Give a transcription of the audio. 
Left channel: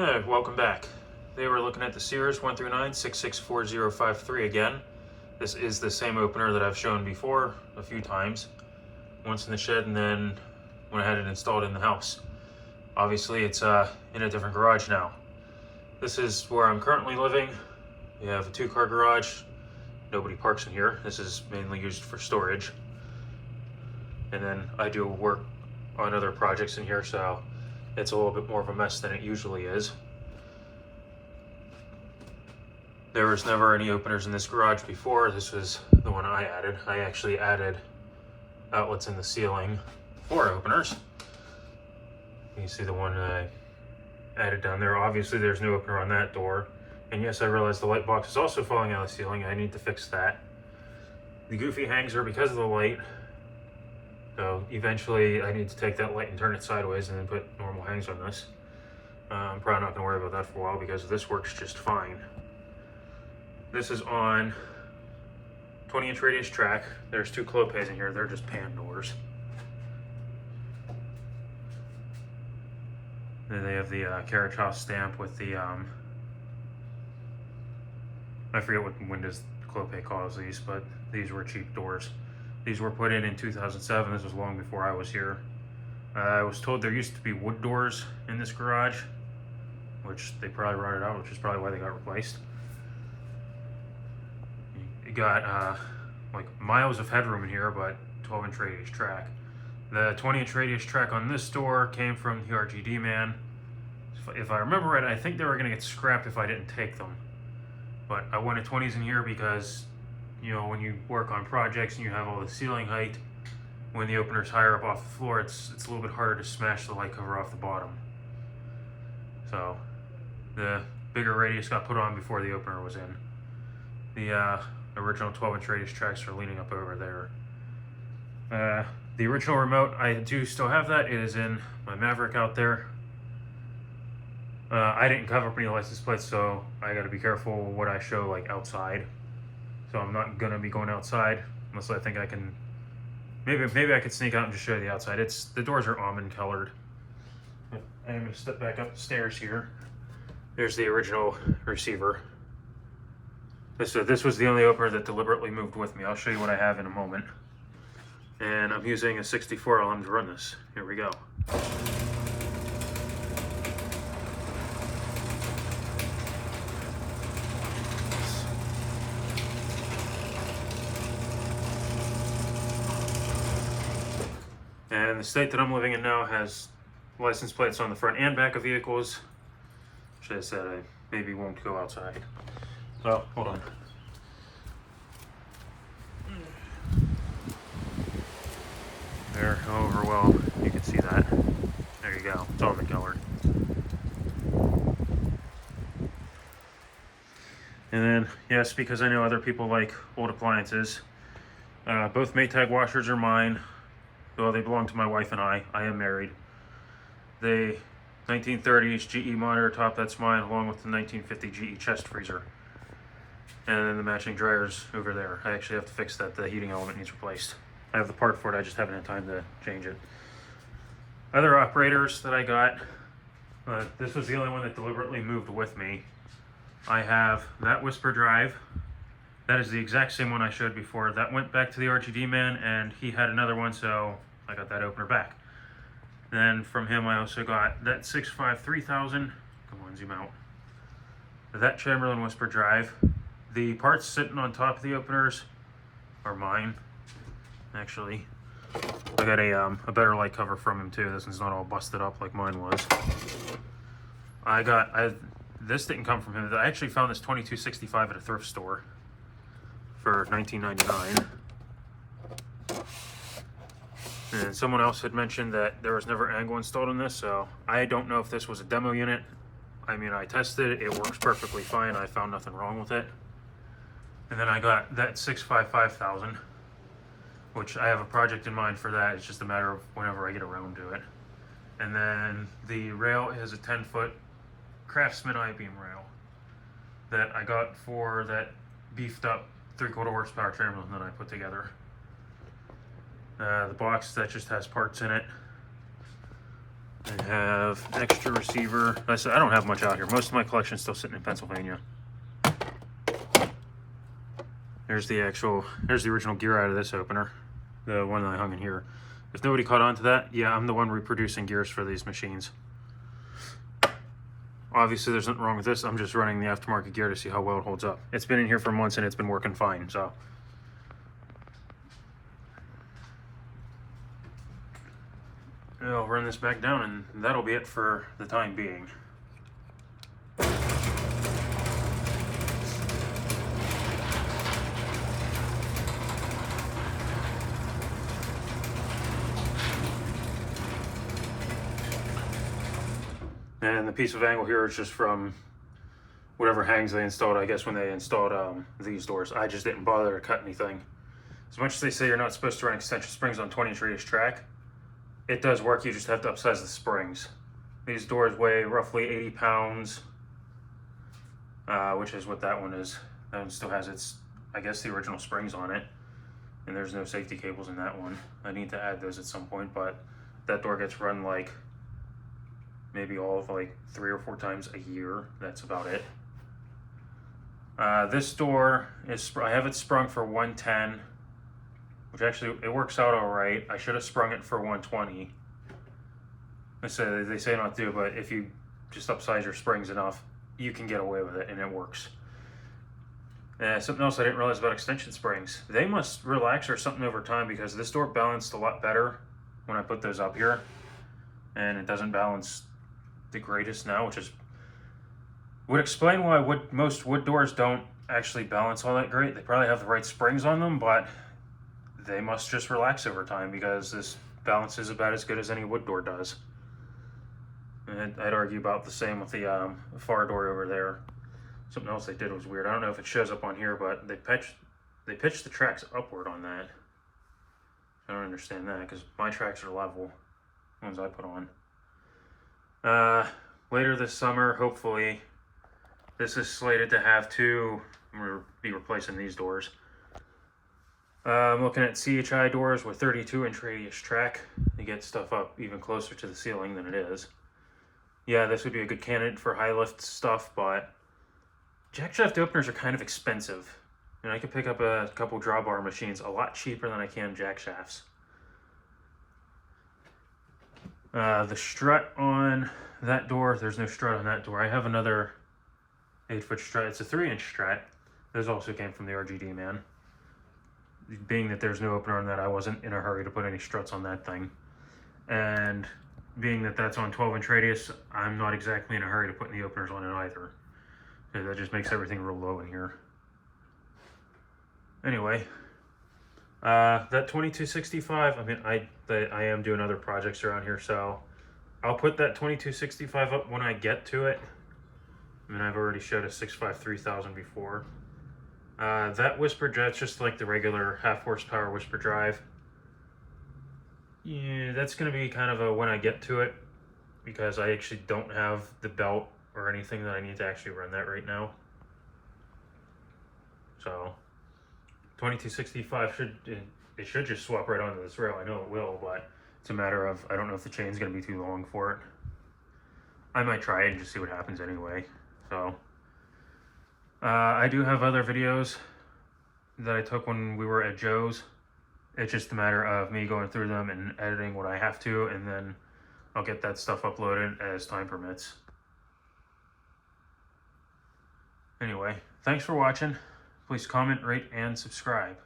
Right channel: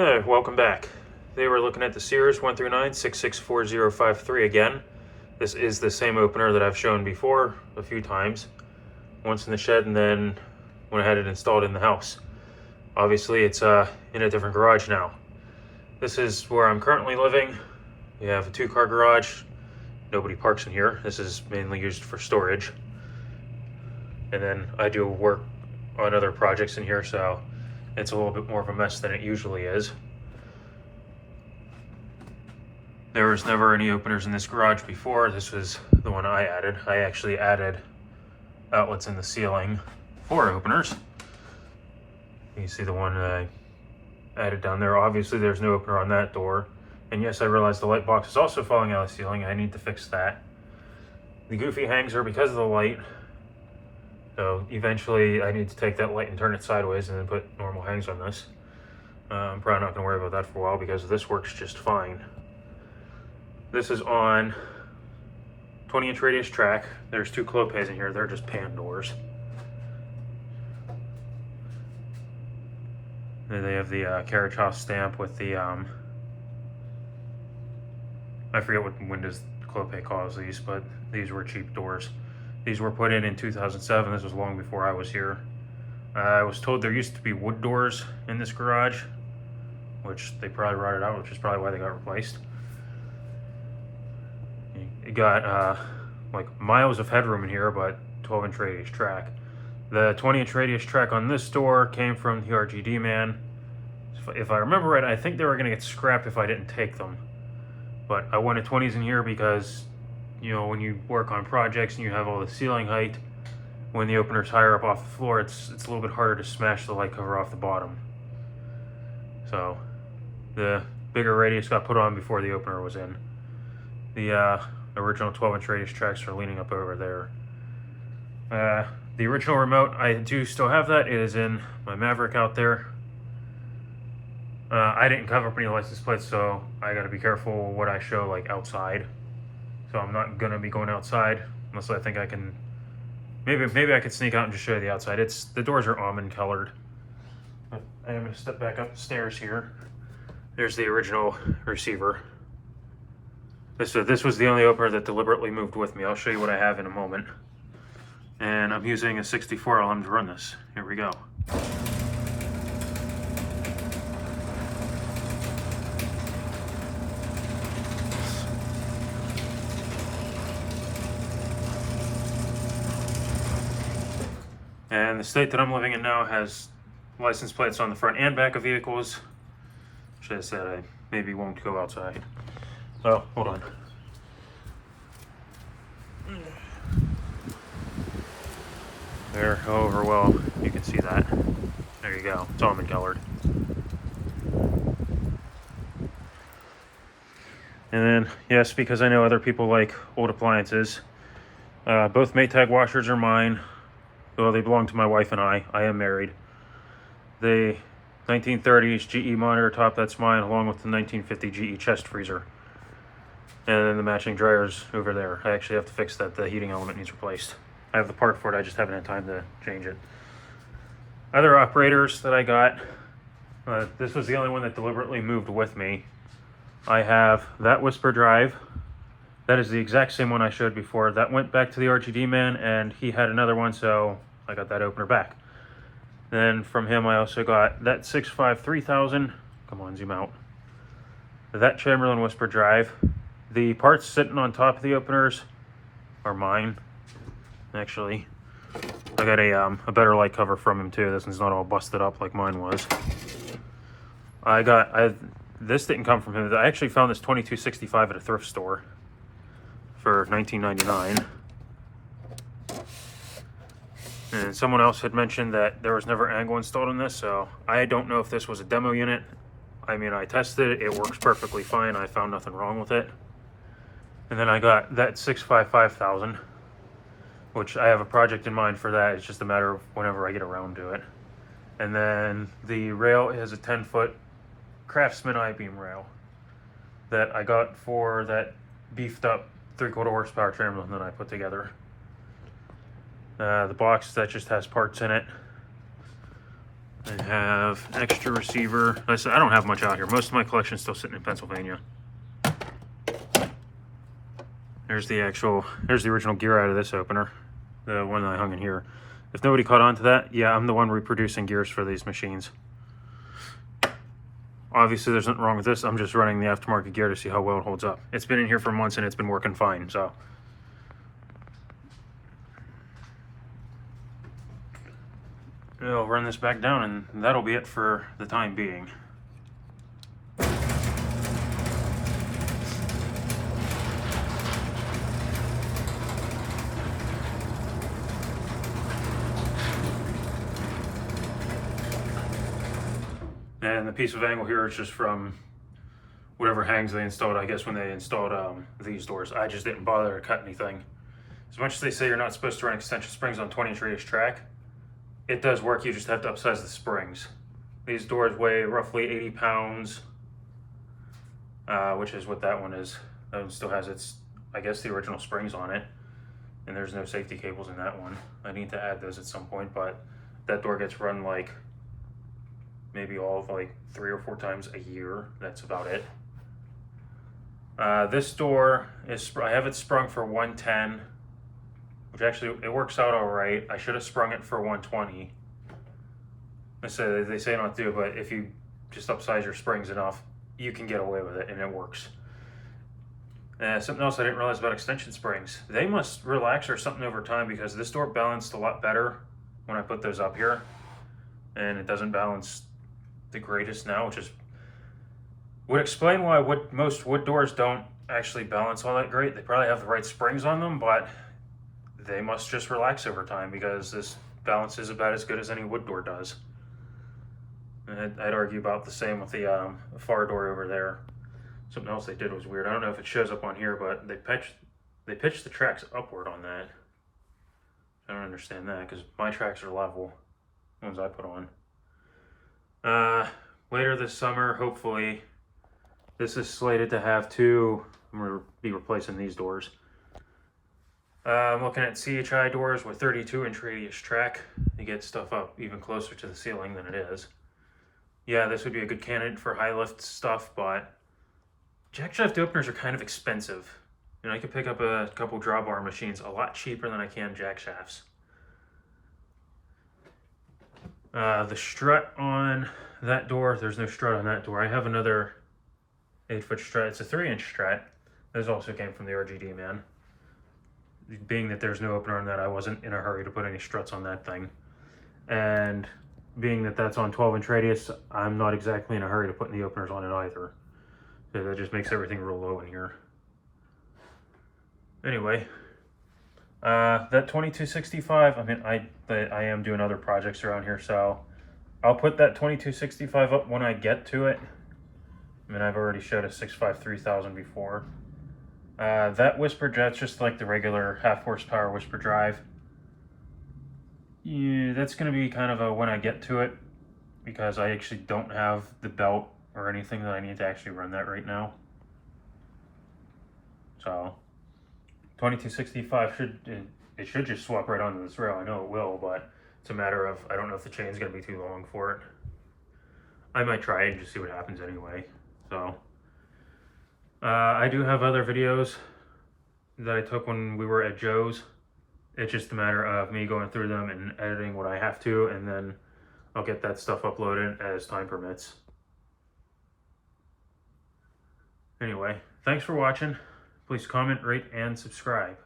Hey, welcome back. Today we're looking at the Sears 1 through 9 664053 again. This is the same opener that I've shown before a few times. Once in the shed and then when I had it installed in the house. Obviously it's in a different garage now. This is where I'm currently living. We have a 2-car garage. Nobody parks in here. This is mainly used for storage. And then I do work on other projects in here, so it's a little bit more of a mess than it usually is. There was never any openers in this garage before. This was the one I added. I actually added outlets in the ceiling for openers. You can see the one I added down there. Obviously there's no opener on that door. And yes, I realize the light box is also falling out of the ceiling. I need to fix that. The goofy hangs are because of the light. So eventually I need to take that light and turn it sideways and then put normal hangs on this. I'm probably not going to worry about that for a while because this works just fine. This is on 20-inch radius track. There's 2 clopes in here. They're just pan doors. And they have the carriage house stamp with the, I forget what Windows clope calls these, but these were cheap doors. These were put in 2007. This was long before I was here. I was told there used to be wood doors in this garage, which they probably rotted out, which is probably why they got replaced. You got like miles of headroom in here, but 12-inch radius track. The 20-inch radius track on this door came from the RGD man. If I remember right, I think they were gonna get scrapped if I didn't take them. But I wanted 20s in here because, you know, when you work on projects and you have all the ceiling height, when the opener's higher up off the floor, it's a little bit harder to smash the light cover off the bottom. So the bigger radius got put on before the opener was in. The original 12-inch radius tracks are leaning up over there. The original remote, I do still have that. It is in my Maverick out there. I didn't cover up any license plates, so I gotta be careful what I show like outside. So I'm not gonna be going outside unless I think I can. Maybe I could sneak out and just show you the outside. The doors are almond colored. I'm gonna step back up the stairs here. There's the original receiver. This was the only opener that deliberately moved with me. I'll show you what I have in a moment. And I'm using a 64 ohm to run this. Here we go. And the state that I'm living in now has license plates on the front and back of vehicles, which I said I maybe won't go outside. Oh, hold on. There, however well you can see that. There you go, it's almond colored. And then, yes, because I know other people like old appliances, both Maytag washers are mine. Well, they belong to my wife and I. I am married. The 1930s GE monitor top, that's mine, along with the 1950 GE chest freezer. And then the matching dryers over there. I actually have to fix that. The heating element needs replaced. I have the part for it, I just haven't had time to change it. Other operators that I got, this was the only one that deliberately moved with me. I have that whisper drive. That is the exact same one I showed before. That went back to the RGD man, and he had another one, so I got that opener back. Then from him, I also got that 653,000. Come on, zoom out. That Chamberlain whisper drive. The parts sitting on top of the openers are mine, actually. I got a better light cover from him too. This one's not all busted up like mine was. This didn't come from him. I actually found this 2265 at a thrift store for $19.99. And someone else had mentioned that there was never angle installed in this, so I don't know if this was a demo unit. I mean, I tested it, it works perfectly fine. I found nothing wrong with it. And then I got that 655,000, which I have a project in mind for that. It's just a matter of whenever I get around to it. And then the rail is a 10-foot Craftsman I-beam rail that I got for that beefed up 3/4 horsepower Chamberlain that I put together. The box that just has parts in it. I have extra receiver. Like I said, I don't have much out here. Most of my collection is still sitting in Pennsylvania. There's the original gear out of this opener, the one that I hung in here. If nobody caught on to that, yeah, I'm the one reproducing gears for these machines. Obviously, there's nothing wrong with this. I'm just running the aftermarket gear to see how well it holds up. It's been in here for months and it's been working fine, so. I'll run this back down and that'll be it for the time being. And the piece of angle here is just from whatever hangs they installed, I guess, when they installed these doors. I just didn't bother to cut anything. As much as they say you're not supposed to run extension springs on 20-inch radius track, it does work. You just have to upsize the springs. These doors weigh roughly 80 pounds, which is what that one is. That one still has its, I guess, the original springs on it. And there's no safety cables in that one. I need to add those at some point, but that door gets run like maybe all of like 3 or 4 times a year. That's about it. This door is, I have it sprung for 110, which actually, it works out all right. I should have sprung it for 120. They say not to, but if you just upsize your springs enough, you can get away with it and it works. Something else I didn't realize about extension springs. They must relax or something over time, because this door balanced a lot better when I put those up here. And it doesn't balance the greatest now, which is would explain why most wood doors don't actually balance all that great. They probably have the right springs on them, but they must just relax over time, because this balance is about as good as any wood door does. And I'd argue about the same with the far door over there. Something else they did was weird. I don't know if it shows up on here, but they pitched the tracks upward on that. I don't understand that, because my tracks are level, the ones I put on. Later this summer, hopefully, this is slated to have 2. I'm going to be replacing these doors. I'm looking at CHI doors with 32-inch radius track to get stuff up even closer to the ceiling than it is. Yeah, this would be a good candidate for high lift stuff, but jack shaft openers are kind of expensive. And I could pick up a couple drawbar machines a lot cheaper than I can jack shafts. The strut on that door, there's no strut on that door. I have another 8-foot strut. It's a 3-inch strut. Those also came from the RGD man. Being that there's no opener on that, I wasn't in a hurry to put any struts on that thing. And being that that's on 12-inch radius, I'm not exactly in a hurry to put any openers on it either. So that just makes everything real low in here. Anyway, that 2265, I mean, I am doing other projects around here, so I'll put that 2265 up when I get to it. I mean, I've already showed a 653,000 before. That whisper jet's just like the regular 1/2 horsepower whisper drive. Yeah, that's going to be kind of a when I get to it, because I actually don't have the belt or anything that I need to actually run that right now. So 2265 should just swap right onto this rail. I know it will, but it's a matter of, I don't know if the chain's going to be too long for it. I might try it and just see what happens anyway. So I do have other videos that I took when we were at Joe's. It's just a matter of me going through them and editing what I have to, and then I'll get that stuff uploaded as time permits. Anyway, thanks for watching. Please comment, rate, and subscribe.